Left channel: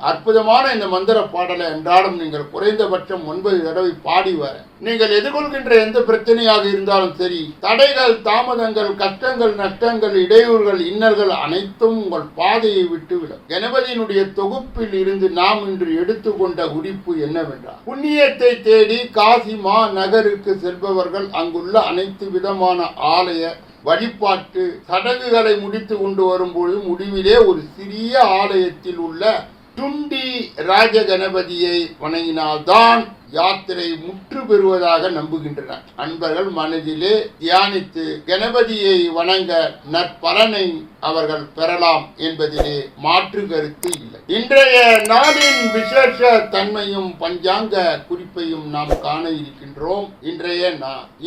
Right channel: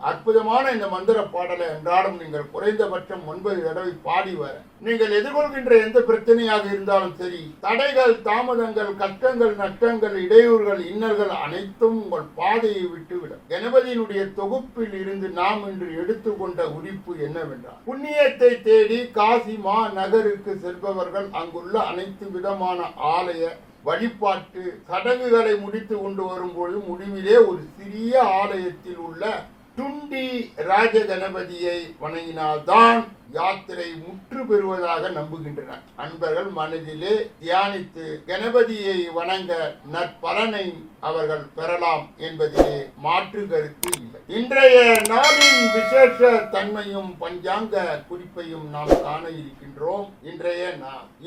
அற்புதமான இந்த மந்திர பாடலை அன்றாடம் நீங்கள் குறைந்தபட்சம் ஒன்பது தடவை பாடி வர. நீங்கள் எதிர்கொள்கின்ற எந்த பிரச்சனையாக இருந்தாலும் சரி தடைகள் தாமதங்கள் கஷ்டங்கள் நஷ்டங்கள் இடையூறுகள் இன்னல்கள் அனைத்தும் உங்கள் பாதையை விட்டுவிடும். கணபதியினுடைய தொகுப்பில் இருந்து நாம் இன்று எடுத்துக்கொண்ட குறிப்பு என்னவென்றால் புண்ணியத்தை தேடி காசி மா நகருக்கு செல்பவர்கள் அங்குள்ள அனைத்து விதமான ஆலய வழிபாட்டு சடங்குகளை முடித்து கொண்டு வரும்பொழுது முடிவிலே ஒரு சிறிய ஆலயத்தில் உள்ள துண்டி ராஜ கணபதியை வணங்கினால்தான் யாத்திரை முற்று பெறுவதாக நம்புகின்றனர். அன்பர்கள் மனதிலே தியானித்து கணபதியை வணங்க நற்பலனை அவர்கள் பெறலாம் என்பதிலே மாற்று கருத்து இல்லை. இன்றைய நாளின் விசேஷ தன்மையும் பஞ்சாங்க குறிப்பையும் நாம் காண இருக்கின்றோம் இன்றைய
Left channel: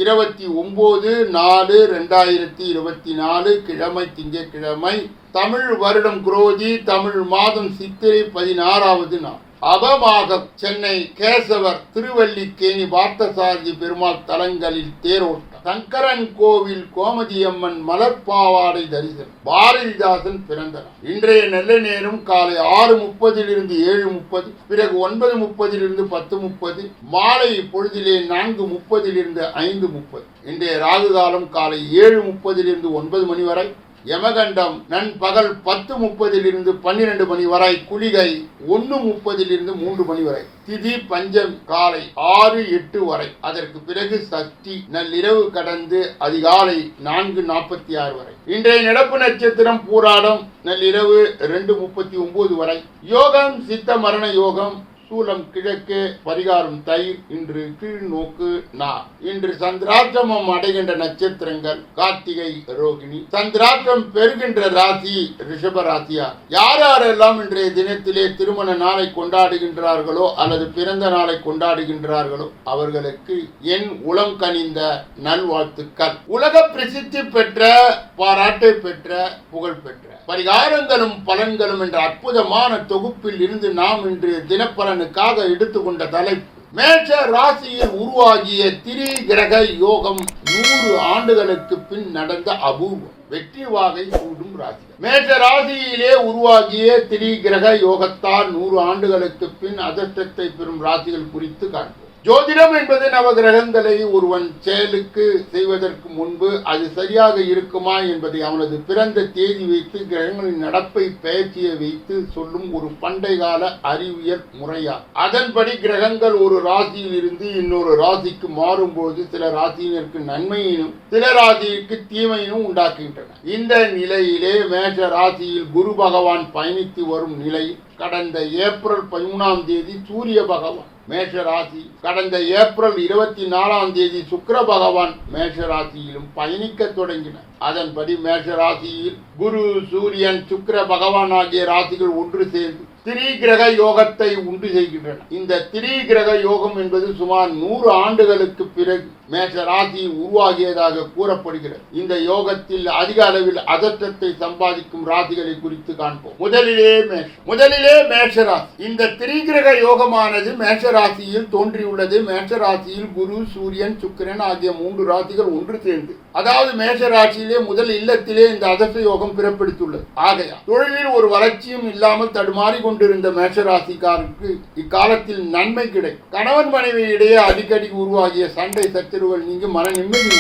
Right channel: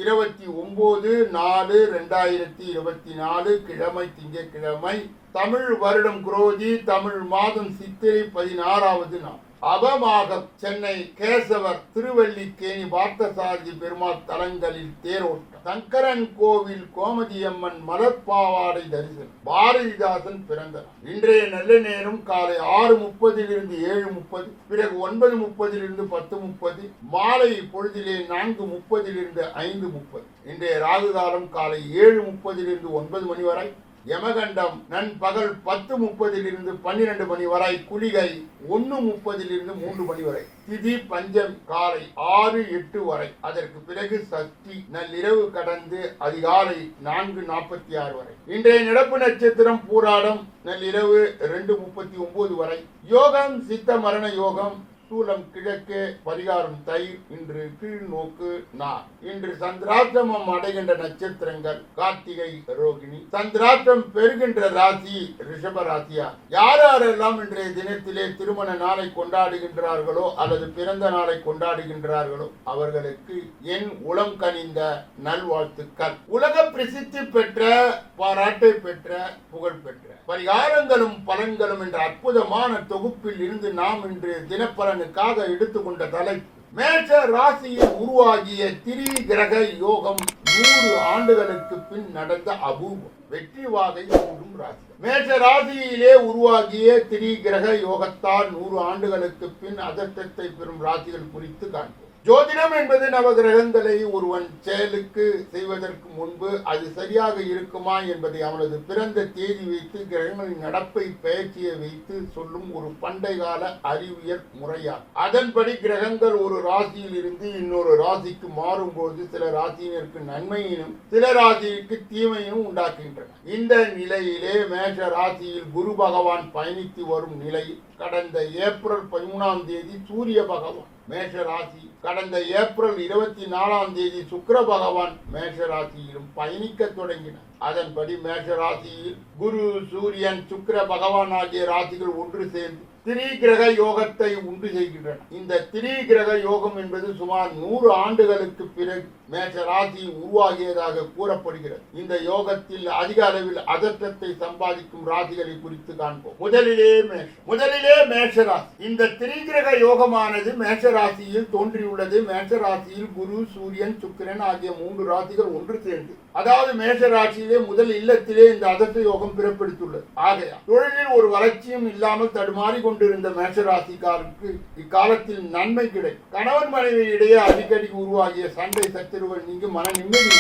இருபத்தி ஒன்பது நாலு ரெண்டாயிரத்தி இருபத்தி நாலு கிழமை திங்கக்கிழமை தமிழ் வருடம் குரோதி தமிழ் மாதம் சித்திரை பதினாறாவது நாள். அபமாக சென்னை கேசவர் திருவல்லிக்கேணி பார்த்தசாரதி பெருமாள் தலங்களில் தேரோட்டம். சங்கரன் கோவில் கோமதியம்மன் மலர்பாவாடை தரிசனம். பாரதிதாசன் பிறந்த நாள் இன்றைய நல்ல நேரம் காலை ஆறு முப்பதிலிருந்து ஏழு முப்பது பிறகு ஒன்பது முப்பதிலிருந்து பத்து முப்பது மாலை பொழுதிலே நான்கு முப்பதிலிருந்து ஐந்து முப்பது. இன்றைய ராகு காலம் காலை ஏழு முப்பதிலிருந்து ஒன்பது மணி வரை யமகண்டம் நண்பகல் பத்து முப்பதிலிருந்து பன்னிரண்டு மணி வரை குளிகை ஒன்று முப்பதிலிருந்து மூன்று மணி வரை. திதி பஞ்சம் காலை ஆறு எட்டு வரை. அதற்கு பிறகு சக்தி நள்ளிரவு கடந்து அதிகாலை நான்கு நாற்பத்தி ஆறு வரை. இன்றைய நடப்பு நட்சத்திரம் பூராடம் நள்ளிரவு ரெண்டு முப்பத்தி ஒன்பது வரை. யோகம் சித்த மரண யோகம் சூலம் கிழக்கு பரிகாரம் தை இன்று கீழ் நோக்கு நா. இன்று சந்திராஷ்டமம் அடைகின்ற நட்சத்திரங்கள் கார்த்திகை ரோகிணி. சந்திராஷ்டம் பெறுகின்ற ராசி ரிஷப ராசியா. யார் யாரெல்லாம் இன்றைய தினத்திலே திருமண நாளை கொண்டாடுகின்றார்களோ அல்லது பிறந்த நாளை கொண்டாடுகின்றார்களோ அவர்களுக்கு என் உளம் கனிந்த நல்வாழ்த்துக்கள். உலக பிரசித்தி பெற்ற பாராட்டை பெற்ற புகழ் பெற்ற. பரிகாரங்களும் பலன்களும் என்ற அற்புதமான தொகுப்பில் இருந்து நாம் இன்று தினப்பலன் தினப்பலனுக்காக எடுத்துக்கொண்ட தலைப்பு. மேஷ ராசியில் உருவாகிய திரி கிரக யோகம் நூறு ஆண்டுகளுக்கு பின் நடந்த அபூர்வம். வெற்றி வாகை கூடும் ராசி. மேஷ ராசியிலே உருவாகிய திரி கிரக யோகத்தால் நூறு ஆண்டுகளுக்கு பின் அதிர்ஷ்டத்தை பெறும் ராசிகள் குறித்து காண்போம். ஜோதிடம் என்பது நவகிரகங்களை ஒருவன் செயலுக்கு செய்வதற்கு முன்பு அது சரியாக இருக்குமா என்பதை அவனது பிறந்த தேதி வைத்து கிரகங்களின் நடப்பை பயிற்சியை வைத்து சொல்லும் ஒரு பண்டை கால அறிவியல் முறையா. அதன்படி கிரகங்கள் ஒரு ராசியில் இருந்து இன்னொரு ராசிக்கு மாறும்போது சில ராசியினருக்கு நன்மையினும் சில ராசியிற்கு தீமையினும் உண்டாக்குகின்றன. இந்த நிலையிலே மேஷ ராசியில் குரு பகவான் பயணித்து வரும் நிலையில் கடந்த ஏப்ரல் பதிமூணாம் தேதி சூரிய பகவான். மேஷ ராசி கடந்த ஏப்ரல் இருபத்தி நாலாம் தேதி சுக்கர பகவான் மேஷ ராசியிலும் பயணிக்க தொடங்கினார். அதன்படி மேஷ ராசியில் குரு சூரியன் சுக்கர பகவான் ஆகிய ராசிகள் ஒன்று சேர்ந்து திரி கிரக யோகத்தை உண்டு செய்கின்றன. இந்த திரி கிரக யோகம் என்பது சுமார் நூறு ஆண்டுகளுக்கு பிறகு மேஷ ராசி உருவாகியதாக கூறப்படுகிறது. இந்த யோகத்தில் அதிக அளவில் அதற்றத்தை சம்பாதிக்கும் ராசிகளை குறித்து காண்போம். முதலிலே மேஷ முதலிலே மேஷராசி. இந்த திரிகிரக யோகமானது மேஷ ராசியில் தோன்றியுள்ளது. மேஷ ராசியில் குரு சூரியன் சுக்கிரன் ஆகிய மூன்று ராசிகள் ஒன்று சேர்ந்து. அதாவது மேஷ ராசியிலே முதல் இல்லத்திலே இந்த அதர்ஷ யோகம் பிறப்பிடித்துள்ளது ஆகையா தொழிலில் ஒரு வளர்ச்சியும் இல்லாமல் தடுமாறி கொண்டிருந்த மேஷராசிக்காருக்கு இக்காலத்தில் நன்மை கிடைக்கும் கணவன் மனைவி இடையே அடிக்கடி உருவாகிய சண்டை சச்சரவுகள் நீங்கி மன நிம்மதி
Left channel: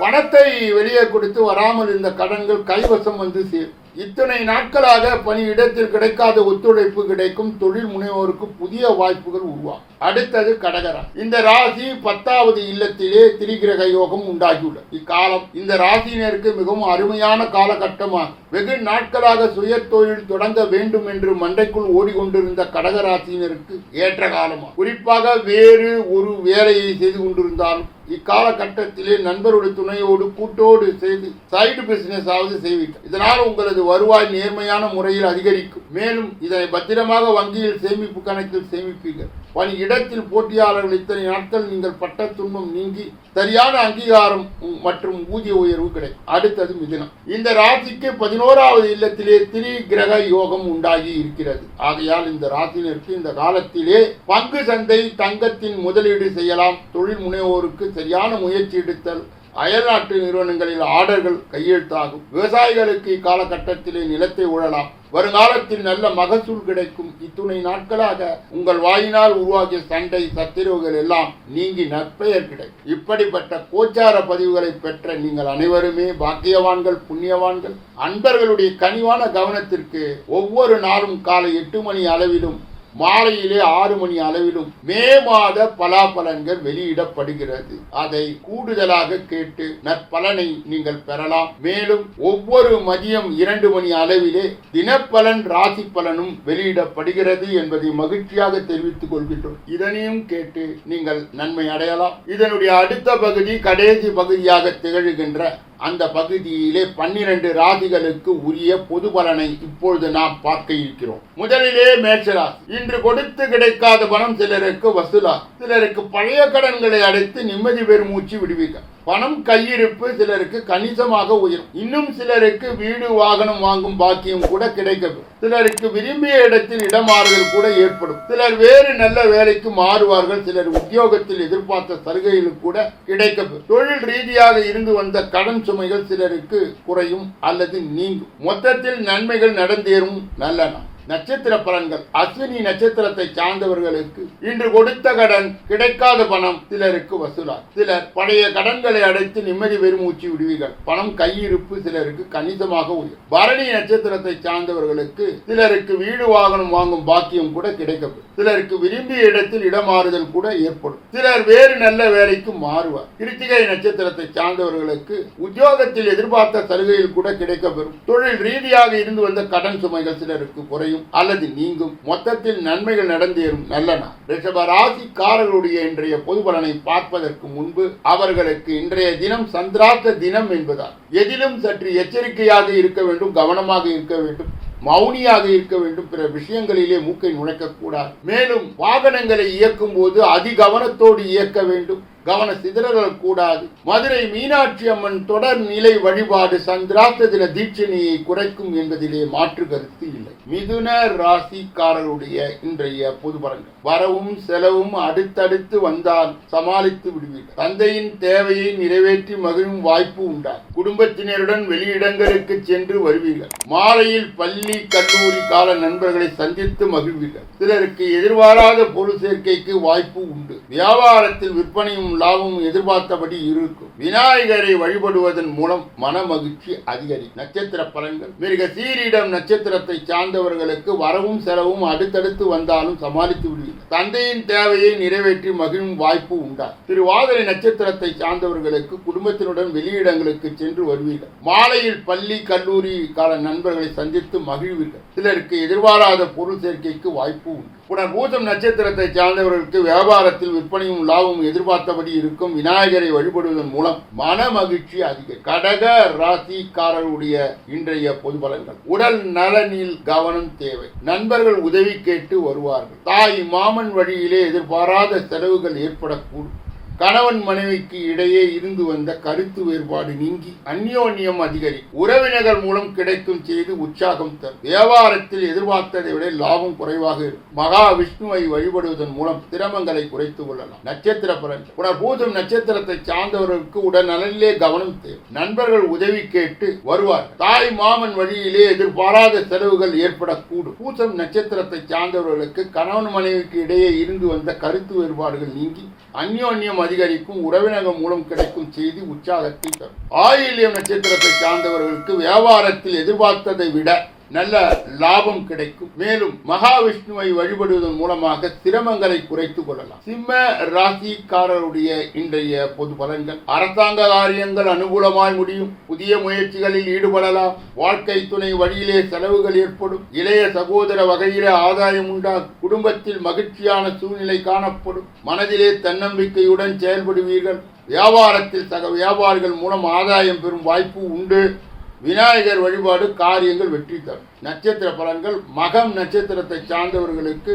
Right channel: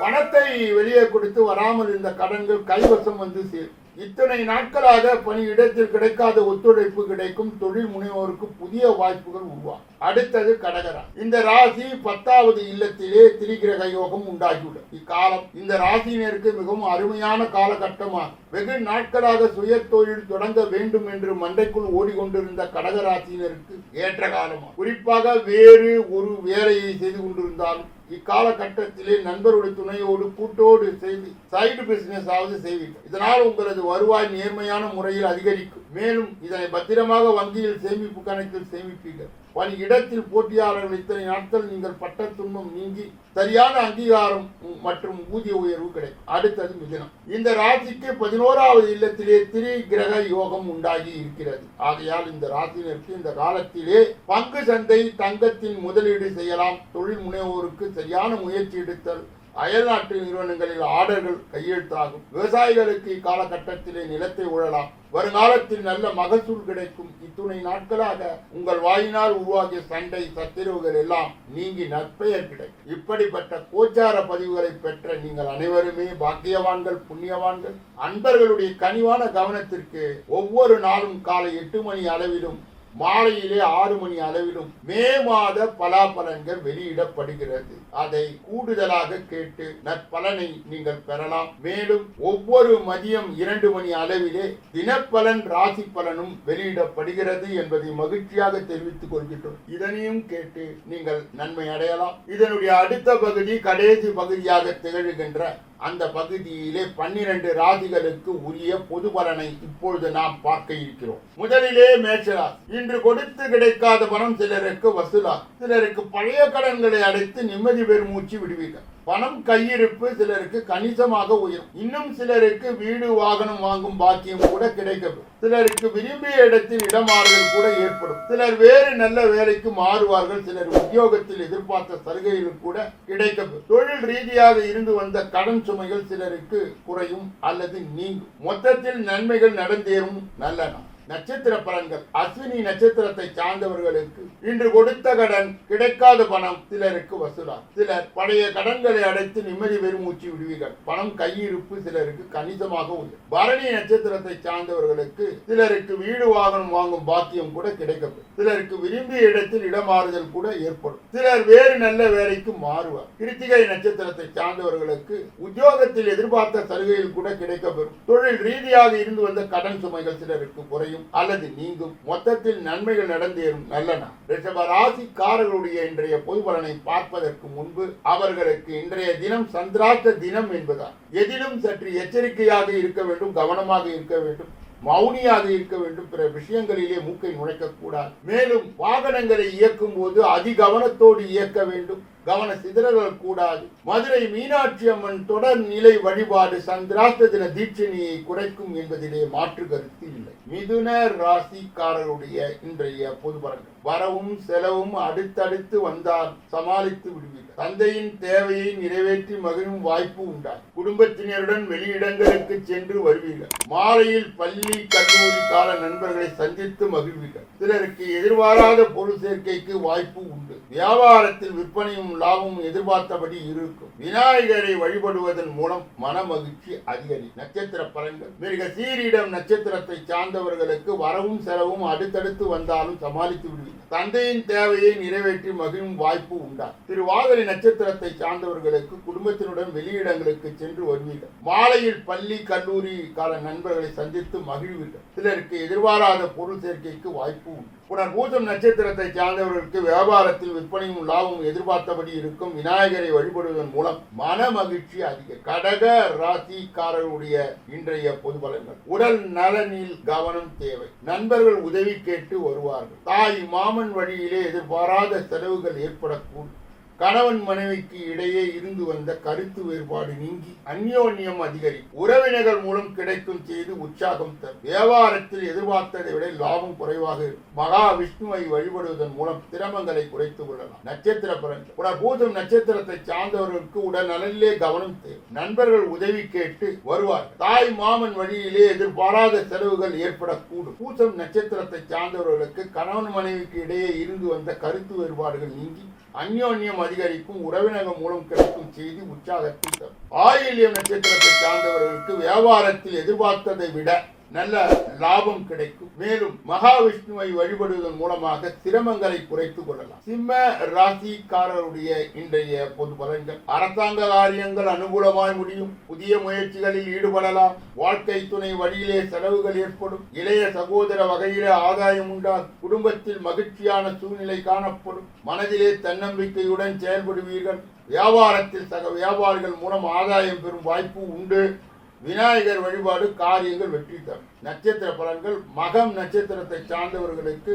பணத்தை வெளியே கொடுத்து வராமல் இருந்த கடன்கள் கைவசம் வந்து சேரும். இத்தனை நாட்களாக பணியிடத்தில் கிடைக்காத ஒத்துழைப்பு கிடைக்கும் தொழில் முனைவோருக்கு புதிய வாய்ப்புகள் உருவாகும் அடுத்தது கடகரா இந்த ராசி பத்தாவது இல்லத்திலே திரிகிரக யோகம் உண்டாகியுள்ளது. இக்காலம் இந்த ராசியினருக்கு மிகவும் அருமையான காலகட்டமாக வெகு நாட்களாக சுய தொழில் தொடங்க வேண்டும் என்று மண்டைக்குள் ஓடிக்கொண்டிருந்த கடக ராசியினருக்கு ஏற்ற காலமா குறிப்பாக வேறு ஒரு வேலையை செய்து கொண்டிருந்தாலும் இக்காலகட்டத்திலே நண்பருடைய துணையோடு கூட்டோடு செய்து சைடு பிசினஸ் ஆவது செய்வீர்கள் இதனால் உங்களது வருவாய் நேர்மையான முறையில் அதிகரிக்கும். மேலும் இதை பத்திரமாக வங்கியில் சேமிப்பு கணக்கில் சேமிப்பீர்கள். பணி இடத்தில் போட்டியாளர்கள் இத்தனை நாட்கள் நீங்கள் பட்ட துன்பம் நீங்கி சரியான அங்கீகாரம் மற்றும் ஊதிய உயர்வு கிடைக்கும். அடுத்தது மிதுனம். இந்த ராசிக்கு பதினோராவது இல்லத்திலே திரி கிரக யோகம் உண்டாகி இருக்கிறது. ஆகையால் இந்த ராசியினருக்கு இந்த காலத்திலே பங்கு சந்தை தங்கத்தின் முதலீடு செய்யலாம். தொழில் முனைவோருக்கு சரியான முயற்சி எடுத்தல் அயல்நாட்டு நிறுவனங்களில் ஆர்டர்கள் கையெழுத்தாகும். விவசாயிகளுக்கு இக்காலகட்டத்திலே நிலத்தை உழலாம் வருங்காலத்தில் நல்ல மகசூல் கிடைக்கும். இத்துணை நாட்களாக உங்கள் வாயினால் உருவாகிய சண்டை சத்திரவுகள் எல்லாம் நீங்கி நற்பெயர் கிடைக்கும். இப்படிப்பட்ட கோச்சார பதிவுகளை பெற்ற நீங்கள் அனைவருமே பாக்கியவான்கள் புண்ணியவான்கள். அன்பர்களுடைய கனிவான கவனத்திற்கு ஒவ்வொரு நாளும் காலை எட்டு மணி அளவிலும் மாலையிலே ஆறு மணி அளவிலும் மே மாத பலாபலன்கள் வெளியிடப்படுகிறது. அதை கூடுதலாக கேட்டு நற்பலனை நீங்கள் பெறலாம். மேலும் ஒவ்வொரு மதியம் இரண்டு மணி அளவிலே தினப்பலன் ராசி பலனும் வெளியிடப்படுகிறது என்பதை மகிழ்ச்சியாக தெரிவித்துக் கொள்கின்றோம். இதனையும் கேட்டு நீங்கள் நன்மை அடையலாம். இதனுடைய அடுத்த பகுதி கடைசி பகுதியாக திகழ்கின்ற அந்த பகுதியிலே பன்னிரண்டு ராசிகளுக்கு உரிய பொது பலனை இப்பொழுது நாம் பார்க்க இருக்கிறோம். முதலிலே மேஷராசி இன்று கொடுத்து கிடைக்காத பணம் சிலருக்கு வசூலா சிலருக்கு பழைய கடன்களை அடைத்து நிம்மதி பெருமூச்சு விடுவீர்கள். பணம் கையிருப்பு சிலருக்கு கணிசமாக உயரும் இன்னும் சிலருக்கு வீடு வாகனம் வாங்கும் பாக்கியம் கூட கிடைக்கும் சிலருக்கு விரும்பிய இடத்தில் இடமாறுதல் கூட ஏற்படும். சிலர் வேறு நல்ல வேலைக்கு மாறுவார்கள். சிலர் உத்தியோகத்தில் எதிர்பார்த்த சலுகைகள் கூட கிடைக்கும் தொழில் ரீதியாக இருந்து வந்த கடன் சுமைகள் சிலருக்கு குறையும் அல்லது நீங்கும். மொத்தத்தில் நன்மைகள் நடந்தேறும். நல்ல நாள். நட்சத்திர பலன்கள் அஸ்வினி நட்சத்திரத்தை சார்ந்தவர்களுக்கு இன்று கொடுத்த கடன் கிடைக்காத பணம். சிலருக்கு வசூலா. சிலர் பழைய கடன்களை அடைத்து நிம்மதி பெருமூச்சு விடுவீர்கள். பணம் கையிருப்பு சிலருக்கு கணிசமாக உள்ளது பரணி நட்சத்திரத்தை சார்ந்தவர்களுக்கு சிலருக்கு வீடு வாகனம் வாங்கும் பாக்கியம் கூட கிடைக்கப்படும் சிலருக்கு விரும்பிய இடத்தில் இடமாறுதல் கூட ஏற்படும். சிலர் வேறு நல்ல வேலைக்கு மாறுவார். கிருத்திகை நட்சத்திரத்தை சார்ந்தவர்களுக்கு உத்தியோகத்தில் எதிர்பார்த்த சலுகையில் கூட கிடைக்கப்பெறும். தொழில் ரீதியாக இருந்து வந்த கடன் சுமைகள் சிலருக்கு குறையும். அல்லது நீங்கும். மொத்தத்தில் நன்மைகள் நடந்தேறும் நல்ல நாள் ரிஷப ராசிக்காரர்களுடைய இன்றைய பொது பலனை பார்ப்பதற்கு முன்பு அவர்களுக்கு இன்றைய தினம் சந்திராத்த தினம் என்பதால் எதிலும் சற்று எச்சரிக்கையாக இருக்க வேண்டும் கவனமாக இருக்க வேண்டும் மௌனியாக இருக்க வேண்டும். பிற விஷயங்களிலே மூக்கை நுழைக்கக்கூடாது. மேலும் வாகனங்களை இயக்கும் போது அதிகவனத்தோடு இயக்க வேண்டும். கவன சிதறல் கூடாது. மதுரை மீனாட்சி அம்மன் தொடர் நிலை வழிபாடு சந்திராஷ்ட தின தீட்சணியை குறைக்கும் என்பதிலே மாற்று கருத்து இல்லை. மிதுன ராசிக்காரருடைய இன்றைய பொது பலன்கள். வரவும் செலவும் அடுத்தடுத்து வந்தால் சமாளித்து விடுவீர்கள். தந்தையின் தேவையை நிறைவேற்றி மகிழும் வாய்ப்பு உண்டாகும். குடும்பத்தினருடன் வெளியிடங்களுக்கு சென்று வருவீர்கள். மாலையில் பள்ளி கல்லூரி கால நண்பர்களை சந்தித்து மகிழ்வீர்கள். சிலருக்கு எதிர்பாராத பொருள் சேர்க்கைக்கு வாய்ப்பு உண்டு. வியாபாரத்தில் விற்பனையும் லாபம் எதிர்பார்த்தபடி இருக்கும். விநாயகரை வழிபடுவதன் மூலம் மன மகிழ்ச்சி அதிகரிக்கும் நட்சத்திர பலன்கள். மிருக சீரிடம் நட்சத்திரத்தை சார்ந்தவர்களுக்கு வரவும் செலவும் அடுத்தடுத்து வந்தாலும் சமாளித்து விடுவீர்கள். தந்தையின் தேவையை நிறைவேற்றி மகிழும் வாய்ப்பு உண்டா? திருவாதிரை நட்சத்திரத்தை சார்ந்தவர்களுக்கு குடும்பத்தினுடன் வெளியிடங்களுக்கு சென்று வருவீர்கள். மாலையில் பள்ளி கல்லூரி கால நண்பர்களை சந்தித்து மகிழ்வீர்கள். சிலருக்கு எதிர்பாராத பொருள் சேர்க்கைக்கு வாய்ப்பு உண்டு. உடன் பூஜம் நட்சத்திரத்தை சார்ந்தவர்களுக்கு வியாபாரத்தில் விற்பனையும் லாபமும் எதிர்பார்த்தபடி இருக்கும் விநாயகரை வழிபடுவதன் மூலம் மன மகிழ்ச்சி அதிக கடக ராசிக்காரருடைய இன்றைய பொது பலன்கள். உடல் நலனில் கவனம் தேவை. நண்பர்கள் உதவி கேட்டு வருவார்கள். தாய் மாமன் வழியிலே எதிர்பாராத செலவுகள் ஏற்படக்கூடும். கணவன் மனைவிக்கு இடையே இருந்து வந்த கருத்து வேறுபாடு நீங்கி அந்யோன்யம் அதிகரிக்கும் உறவினர்கள் மூலம் கிடைக்கும் செய்து உற்சாகம் தரும். வியாபாரத்தில் எதிர்பார்த்ததை விட லாபம் குறைவாக இருக்கும். மகா விஷ்ணுவை வழிபடுவதன் மூலம் சிரமங்களை குறைத்துக் கொள்ளலாம். நட்சத்திர பிரஞ்சம் உடல் பூஜம் நட்சத்திரத்தை சார்ந்தவர்களுக்கு உடல் நலனிலே கவனம் தேவை. நண்பர்கள் உதவி கேட்டு வருவார்கள். தாய் மாமன் வழியிலே எதிர்பாராத செலவுகள் ஏற்படக்கூடும். பூசம் நட்சத்திரத்தை சார்ந்தவர்களுக்கு கணவன் மனைவிக்கு இடையே இருந்து வந்த கருத்து வேறுபாடுகள் நீங்கி அந்யோன்யம் அதிகரிக்கும் உறவினர்கள் மூலம் கிடைக்கும் செய்தி உற்சாகத்தை தரும். ஆயில்யம் நட்சத்திரத்தை சார்ந்தவர்களுக்கு வியாபாரத்தில் எதிர்பார்த்ததை விட நல்ல லாபம் கிடைக்கும். மேலும் மகாவிஷ்ணுவை வழிபடுவதன் மூலமாக சிரமங்களை குறைத்துக் கொள்ளலாம். சிம்ம ராசிக்காரருடைய இன்றைய பொது பலன்கள். அரசாங்க காரியங்கள் அனுகூலமாய் முடியும். புதிய முயற்சிகளில் ஈடுபடலாம். வாழ்க்கை துணை வழியிலே செலவுகள் ஏற்படும். இளைய சகோதர வகையிலே ஆதாயம் உண்டாகும். குடும்பத்தில் மகிழ்ச்சியான சூழ்நிலை காணப்படும். மனதிலே தன்னம்பிக்கையுடன் செயல்படுவீர்கள். வியாபாரத்தில் சக வியாபாரிகள் மூலம் ஆதாயம் பெறும் வாய்ப்பு உண்டு. விநாயகர் வழிபாடு காரியங்கள் வெற்றி தரும். நட்சத்திர பலன்கள் மகம் நட்சத்திரத்தை சார்ந்தவர்களுக்கு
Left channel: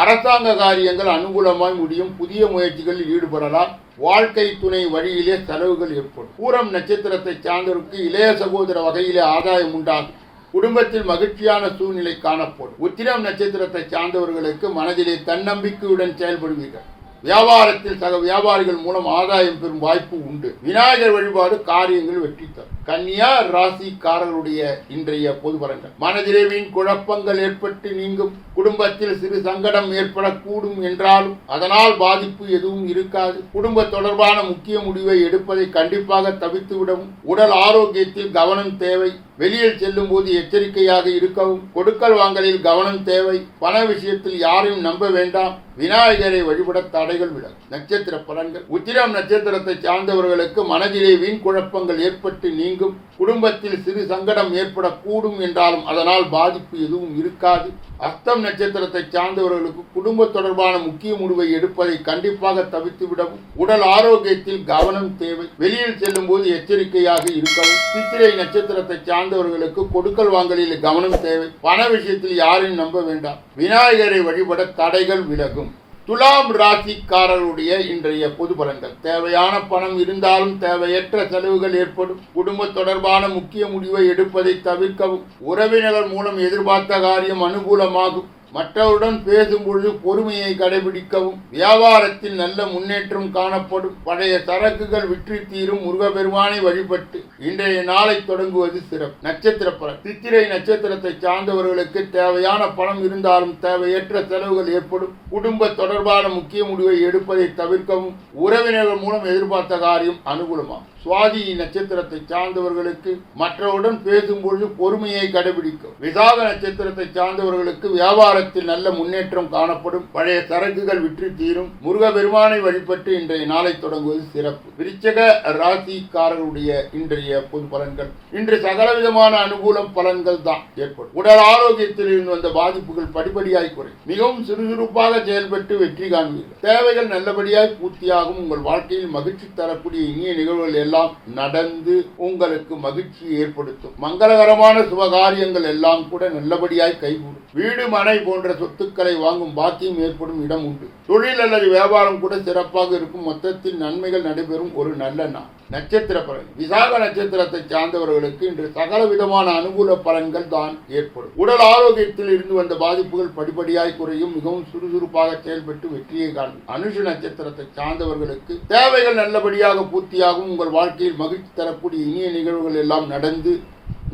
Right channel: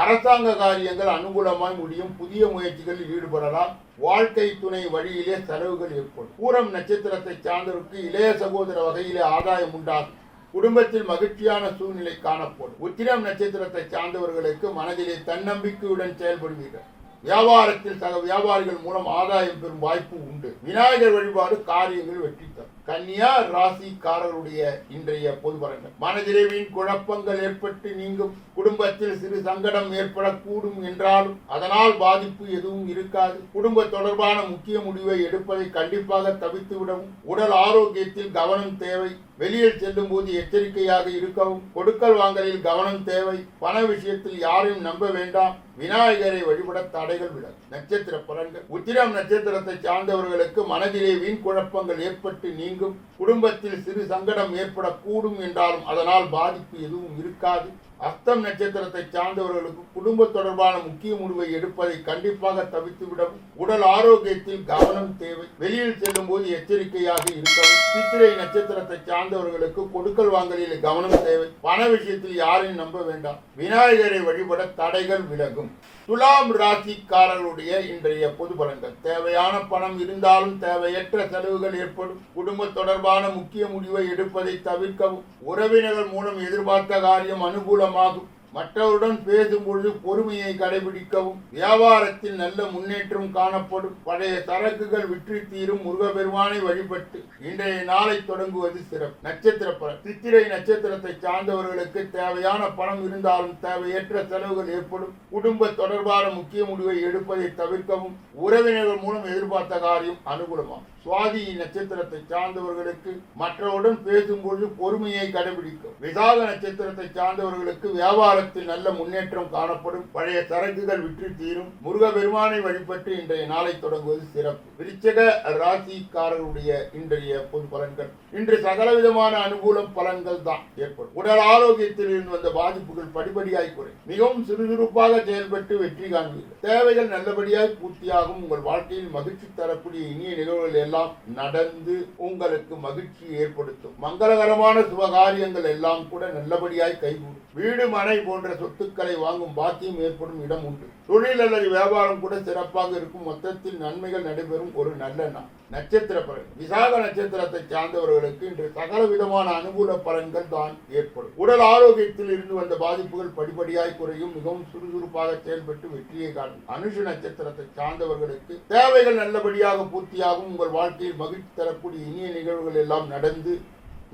அரசாங்க காரியங்கள் அனுகூலமாய் முடியும். புதிய முயற்சிகளில் ஈடுபடலாம். வாழ்க்கை துணை வழியிலே செலவுகள் ஏற்படும். பூரம் நட்சத்திரத்தை சார்ந்தவருக்கு இளைய சகோதர வகையிலே ஆதாயம் உண்டாகும். குடும்பத்தில் மகிழ்ச்சியான சூழ்நிலை காணப்படும். உத்திரம் நட்சத்திரத்தை சார்ந்தவர்களுக்கு மனதிலே தன்னம்பிக்கையுடன் செயல்படுவீர்கள். வியாபாரத்தில் சக வியாபாரிகள் மூலம் ஆதாயம் பெறும் வாய்ப்பு உண்டு. விநாயகர் வழிபாடு காரியங்கள் வெற்றி தரும். கன்னியா ராசிக்காரருடைய இன்றைய பொது பலன்கள். மனதிலே வீண் குழப்பங்கள் ஏற்பட்டு நீங்கும். குடும்பத்தில் சிறு சங்கடம் ஏற்படக்கூடும் என்றாலும் அதனால் பாதிப்பு எதுவும் இருக்காது. குடும்ப தொடர்பான முக்கிய முடிவை எடுப்பதை கண்டிப்பாக தவித்துவிடவும் உடல் ஆரோக்கியத்தில் கவனம் தேவை. வெளியில் செல்லும் போது எச்சரிக்கையாக இருக்கவும் கொடுக்கல் வாங்கலில் கவனம் தேவை. பண விஷயத்தில் யாரையும் நம்ப வேண்டாம். விநாயகரை வழிபட தடைகள் விலகும் நட்சத்திர பலன்கள். உத்திரம் நட்சத்திரத்தை சார்ந்தவர்களுக்கு மனதிலே வீண் குழப்பங்கள் ஏற்பட்டு நீங்கும். குடும்பத்தில் சிறு சங்கடம் ஏற்படக்கூடும் என்றாலும் அதனால் பாதிப்பு எதுவும் இருக்காது. அஸ்தம் நட்சத்திரத்தை சார்ந்தவர்களுக்கு குடும்ப தொடர்பான முக்கிய முடிவை எடுப்பதை கண்டிப்பாக தவிர்த்து விடவும் உடல் ஆரோக்கியத்தில் கவனம் தேவை. வெளியில் செல்லும் போது எச்சரிக்கையாக இருக்கவும். சித்திரை நட்சத்திரத்தை சார்ந்தவர்களுக்கு கொடுக்கல் வாங்கலில் கவனம் தேவை. பண விஷயத்தில் யாரையும் நம்ப வேண்டாம். விநாயகரை வழிபட தடைகள் விலகும். துலாம் ராசிக்காரருடைய இன்றைய பொது பலன்கள். தேவையான பணம் இருந்தாலும் தேவையற்ற செலவுகள் ஏற்படும். குடும்ப தொடர்பான முக்கிய முடிவை எடுப்பதை தவிர்க்கவும். உறவினர்கள் மூலம் எதிர்பார்த்த காரியம் அனுகூலமாகும். மற்றவருடன் பேசும் பொழுது பொறுமையை கடைபிடிக்கவும் வியாபாரத்தில் நல்ல முன்னேற்றம் காணப்படும். பழைய சரக்குகள் விற்று தீரும் முருகபெருமானை வழிபட்டு இன்றைய நாளை தொடங்குவது சிறப்பு. நட்சத்திர பலன். சித்திரை நட்சத்திரத்தை சார்ந்தவர்களுக்கு தேவையான பணம் இருந்தாலும் தேவையற்ற செலவுகள் ஏற்படும். குடும்ப தொடர்பான முக்கிய முடிவை எடுப்பதை தவிர்க்கவும் உறவினர்கள் மூலம் எதிர்பார்த்த காரியம் அனுகூலமாகும். சுவாதி நட்சத்திரத்தை சார்ந்தவர்களுக்கு மற்றவருடன் பேசும்பொழுது பொறுமையை கடைபிடிக்கும் விசாக நட்சத்திரத்தை சார்ந்தவர்களுக்கு வியாபாரத்தில் நல்ல முன்னேற்றம் காணப்படும். பழைய சரக்குகள் விற்று தீரும். முருக பெருமானை வழிபட்டு இன்றைய நாளை தொடங்குவது சிறப்பு. விருச்சக ராசிக்காரருடைய இன்றைய பொது பலன்கள். இன்று சகலவிதமான அனுகூலம் பலன்கள் தான் ஏற்படும். உடல் ஆரோக்கியத்தில் இருந்து வந்த பாதிப்புகள் படிப்படியாய் குறையும். மிகவும் சுறுசுறுப்பாக செயல்பட்டு வெற்றி காண்பீர்கள். தேவைகள் நல்லபடியாய் பூர்த்தியாகும். உங்கள் வாழ்க்கையில் மகிழ்ச்சி தரக்கூடிய இனிய நிகழ்வுகள் எல்லாம் நடந்து உங்களுக்கு மகிழ்ச்சி ஏற்படுத்தும். மங்களகரமான சுபகாரியங்கள் எல்லாம் கூட நல்லபடியாய் கைகூடும். வீடு மனை போன்ற சொத்துக்களை வாங்கும் பாக்கியம் ஏற்படும் இடம் உண்டு. தொழில் அல்லது வியாபாரம் கூட சிறப்பாக இருக்கும். மொத்தத்தில் நன்மைகள் நடைபெறும் ஒரு நல்ல நாள். நட்சத்திர பலன். விசாக நட்சத்திரத்தை சார்ந்தவர்களுக்கு இன்று சகல விதமான அனுகூல பலன்கள் தான் ஏற்படும். உடல் ஆரோக்கியத்தில் இருந்து வந்த பாதிப்புகள் படிப்படியாய் குறையும். மிகவும் சுறுசுறுப்பாக செயல்பட்டு வெற்றியை காணும். அனுஷ நட்சத்திரத்தை சார்ந்தவர்களுக்கு தேவைகள் நல்லபடியாக பூர்த்தியாகும். உங்கள் வாழ்க்கையில் மகிழ்ச்சி தரக்கூடிய இனிய நிகழ்வுகள் எல்லாம் நடந்து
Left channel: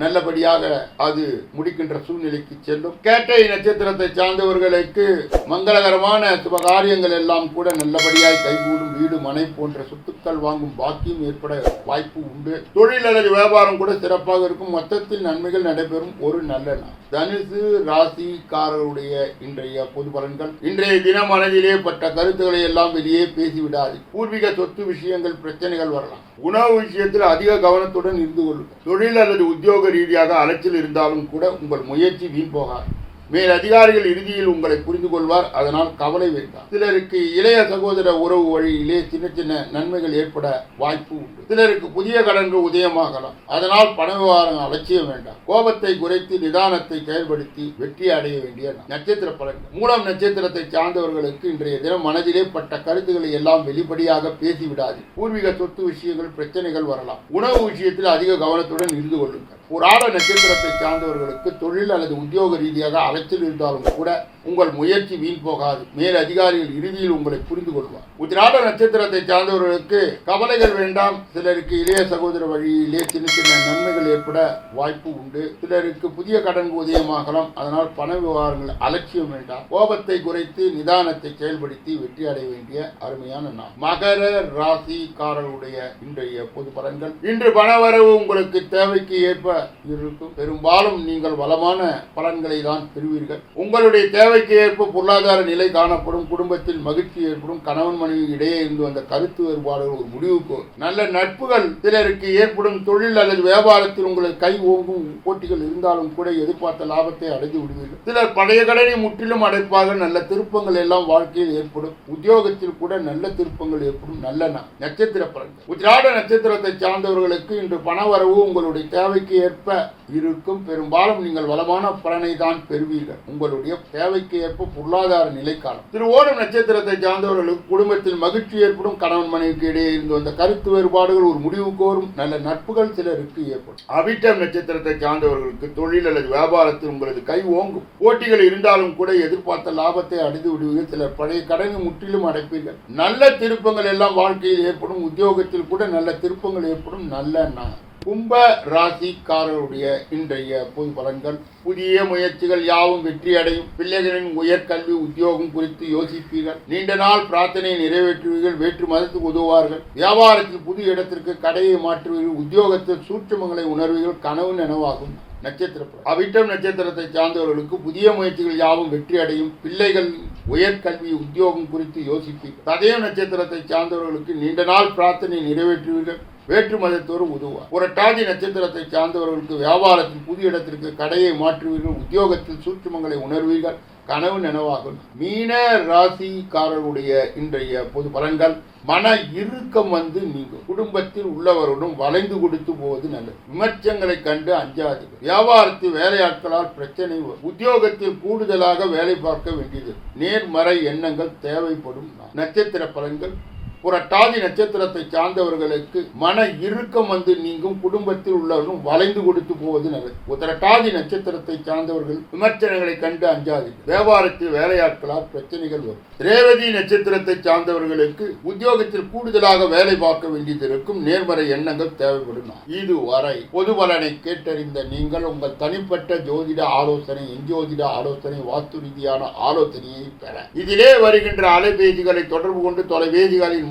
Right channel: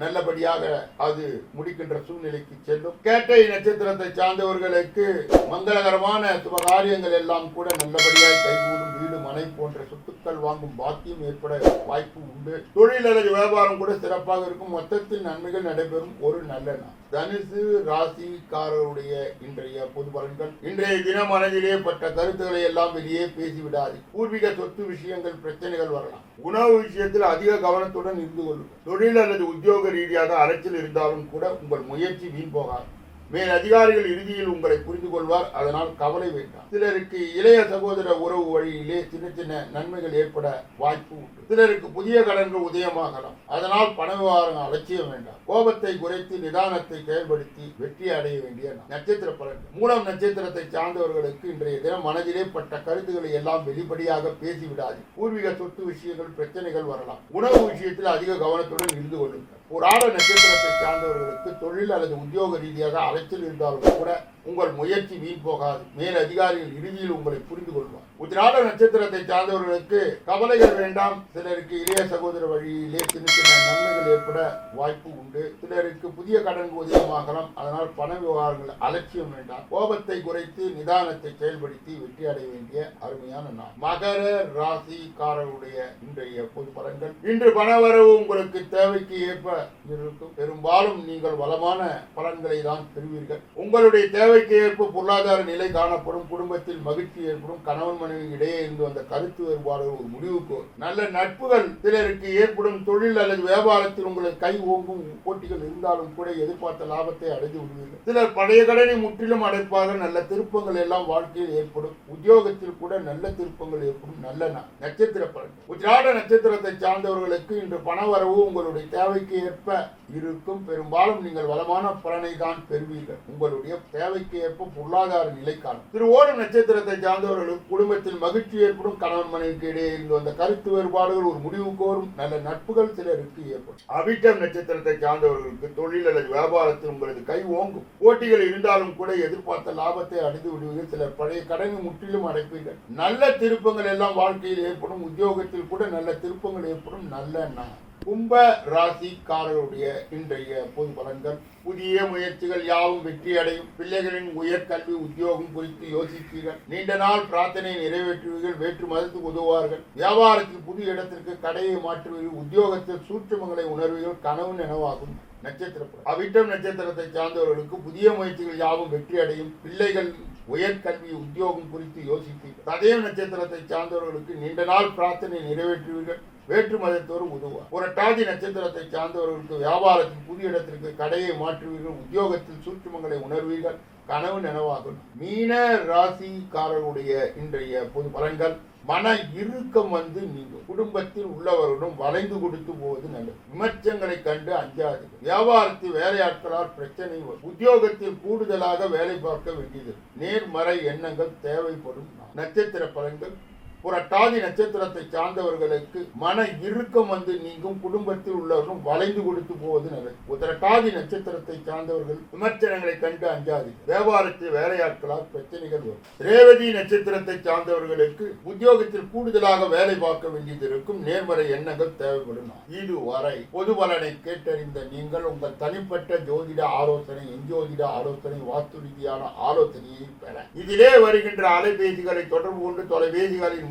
நல்லபடியாக அது முடிக்கின்ற சூழ்நிலைக்கு செல்லும். கேட்டை நட்சத்திரத்தை சார்ந்தவர்களுக்கு மங்களகரமான சுபகாரியங்கள் எல்லாம் கூட நல்லபடியாக கைகூடும். வீடு மனை போன்ற சொத்துக்கள் வாங்கும் பாக்கியம் ஏற்பட வாய்ப்பு உண்டு. தொழில் அல்லது வியாபாரம் கூட சிறப்பாக இருக்கும். மொத்தத்தில் நன்மைகள் நடைபெறும். ஒரு நல்ல நாள். தனுசு ராசிக்காரருடைய இன்றைய பொது பலன்கள். இன்றைய தினம் மனதிலே பட்ட கருத்துக்களை எல்லாம் வெளியே பேசிவிடாது பூர்வீக சொத்து விஷயங்கள் பிரச்சனைகள் வரலாம். உணவு விஷயத்தில் அதிக கவனத்துடன் இருந்து கொள்ளும். தொழில் அல்லது உத்தியோக ரீதியாக அலைச்சல் இருந்தாலும் கூட உங்கள் முயற்சி வீண் போகாது. மேல் அதிகாரிகள் இறுதியில் உங்களை புரிந்து கொள்வார் அதனால் கவலை வேண்டாம். சிலருக்கு இளைய சகோதர உறவு வழியிலே சின்ன சின்ன நன்மைகள் ஏற்பட வாய்ப்பு உண்டு. சிலருக்கு புதிய கடன்கள் உதயமாகலாம். அதனால் பண விவகாரம் அலட்சியம் வேண்டாம். கோபத்தை குறைத்து நிதானத்தை செயல்படுத்தி வெற்றி அடைய வேண்டிய நட்சத்திர பலன்கள். மூலம் நட்சத்திரத்தை சார்ந்தவர்களுக்கு இன்றைய தினம் மனதிலே பட்ட கருத்துக்களை எல்லாம் வெளிப்படையாக பேசிவிடாது பூர்வீக சொத்து விஷயங்கள் பிரச்சனைகள் வரலாம். உணவு விஷயத்தில் அதிக கவனத்துடன் இருந்து கொள்ளுங்கள். புராண நட்சத்திரத்தை சார்ந்தவர்களுக்கு தொழில் அல்லது உத்தியோக ரீதியாக அலைச்சல் இருந்தாலும் கூட உங்கள் முயற்சி வீண் போகாது. மேல் அதிகாரிகள் இறுதியில் உங்களை புரிந்து கொள்வார். உத்திராட நட்சத்திரத்தை சார்ந்தவர்களுக்கு கவலைகள் வேண்டாம். சிலருக்கு இளைய சகோதர வழியிலே சின்ன சின்ன நன்மைகள் ஏற்பட வாய்ப்பு உண்டு. சிலருக்கு புதிய கடன் உதயமாகலாம் அதனால் பண விவகாரங்கள் அலட்சியம் வேண்டாம். கோபத்தை குறைத்து நிதானத்தை செயல்படுத்தி வெற்றி அடைய வேண்டிய அருமையான நாள். மகர ராசிக்காரருடைய இன்றைய பொது பலன்கள். இன்று பணவரவு உங்களுக்கு தேவைக்கு ஏற்ப இருக்கும் பெரும்பாலும் நீங்கள் வளமான பலன்களை தான் பெறுவீர்கள். உங்களுடைய தேவைக்கு ஏற்ப பொருளாதார நிலை காணப்படும் குடும்பத்தில் மகிழ்ச்சி ஏற்படும் கணவன் மனைவி இடையே இருந்து வந்த கருத்து வேறுபாடுகள் ஒரு முடிவுக்கு நல்ல நட்புகள் சிலருக்கு ஏற்படும் தொழில் அல்லது வியாபாரத்தில் உங்களுக்கு கை ஓங்கும் போட்டிகள் இருந்தாலும் கூட எதிர்பார்த்த லாபத்தை அடைந்து விடுவீர்கள். சிலர் பழைய கடனை முற்றிலும் அடைப்பாக நல்ல திருப்பங்கள் எல்லாம் வாழ்க்கையில் ஏற்படும். உத்தியோகத்தில் கூட நல்ல திருப்பங்கள் ஏற்படும் நல்ல நட்சத்திர பலன்கள். உத்திராட நட்சத்திரத்தை சார்ந்தவர்களுக்கு இன்று பண வரவு உங்களுடைய தேவைக்கு ஏற்ப இருக்கும் பெரும்பாலும் நீங்கள் வளமான பலனை தான் பெறுவீர்கள். உங்களுடைய தேவைக்கு ஏற்ப பொருளாதார நிலை காலம் திரு ஓணம் நட்சத்திரத்தை சார்ந்தவர்களுக்கு குடும்பத்தில் மகிழ்ச்சி ஏற்படும். கணவன் மனைவிக்கு இடையே இருந்து வந்த கருத்து வேறுபாடுகள் ஒரு முடிவு கோரும். நல்ல நட்புகள் சிலருக்கு ஏற்படும். அபிட்டம் நட்சத்திரத்தை சார்ந்தவர்களுக்கு தொழில் அல்லது வியாபாரத்தில் உங்களது கை ஓங்கும். போட்டிகள் இருந்தாலும் கூட எதிர்பார்த்த லாபத்தை அடைந்து விடுவீர்கள். சிலர் பழைய கடனை முற்றிலும் அடைப்பீர்கள். நல்ல திருப்பங்கள் எல்லாம் வாழ்க்கையில் ஏற்படும். உத்தியோகத்தில் கூட நல்ல திருப்பங்கள் ஏற்படும். நல்ல கும்ப ராசிக்காரருடைய இன்றைய பொது பலன்கள். புதிய முயற்சிகள் யாவும் வெற்றி அடையும். பிள்ளைகளின் உயர்கல்வி உத்தியோகம் குறித்து யோசிப்பீர்கள். நீண்ட நாள் பிரார்த்தனை நிறைவேற்றுவீர்கள். வேற்று மதத்துக்கு உதவுவார்கள். வியாபாரத்தில் புது இடத்திற்கு கடையை மாற்றுவீர்கள். உத்தியோகத்தில் சூட்சமங்களை உணர்வீர்கள். கனவு நனவாகும். நட்சத்திர அவிட்டம் நட்சத்திரத்தை சார்ந்தவர்களுக்கு புதிய முயற்சிகள் யாவும் வெற்றி அடையும். பிள்ளைகள் உயர்கல்வி உத்தியோகம் குறித்து யோசிப்பீர்கள். ததய நட்சத்திரத்தை சார்ந்தவர்களுக்கு நீண்ட நாள் பிரார்த்தனை நிறைவேற்றுவீர்கள். வேற்று மதத்தோடு உதவுவார். புரட்டாதி நட்சத்திரத்தை சார்ந்தவர்களுக்கு வியாபாரத்தில் புதிய இடத்திற்கு கடையை மாற்றுவீர்கள் உத்தியோகத்தில் சூட்சுமங்களை உணர்வீர்கள் கனவு நினைவாகும். மீன ராசிக்காரருடைய இன்றைய பொது பலன்கள் மன இறுக்கம் வந்து நீங்கும். குடும்பத்தில் உள்ளவருடன் வளைந்து கொடுத்து போவது நல்லது. விமர்சங்களை கண்டு அஞ்சாது வியாபாரத்தில் வேலையாட்களால் பிரச்சனை உத்தியோகத்தில் கூடுதலாக வேலை பார்க்க வேண்டியது. நேர்மறை எண்ணங்கள் தேவைப்படும். நட்சத்திர பலன்கள் புரட்டாதி நட்சத்திரத்தை சார்ந்தவர்களுக்கு மன இறுக்கம் வந்து நீங்கும் குடும்பத்தில் உள்ளவர்களும் வளைந்து கொடுத்து போவது நல்லது. புரட்டாதி நட்சத்திரத்தை சார்ந்தவர்கள் விமர்சனங்களை கண்டு அஞ்சாது வியாபாரத்தில் வேலையாட்களால் பிரச்சனைகள் வரும். ரேவதி நட்சத்திரத்தை சார்ந்தவர்களுக்கு உத்தியோகத்தில் கூடுதலாக வேலை பார்க்க வேண்டியது இருக்கும் நேர்மறை எண்ணங்கள் தேவைப்படும். இதுவரை பொது பலனை கேட்டறிந்த நீங்கள் உங்கள் தனிப்பட்ட ஜோதிட ஆலோசனை எஞ்சோதிட ஆலோசனை வாஸ்து ரீதியான ஆலோசனையை பெற. இதிலே வருகின்ற அலைபேசிகளை தொடர்பு கொண்டு தொலைபேசிகளின்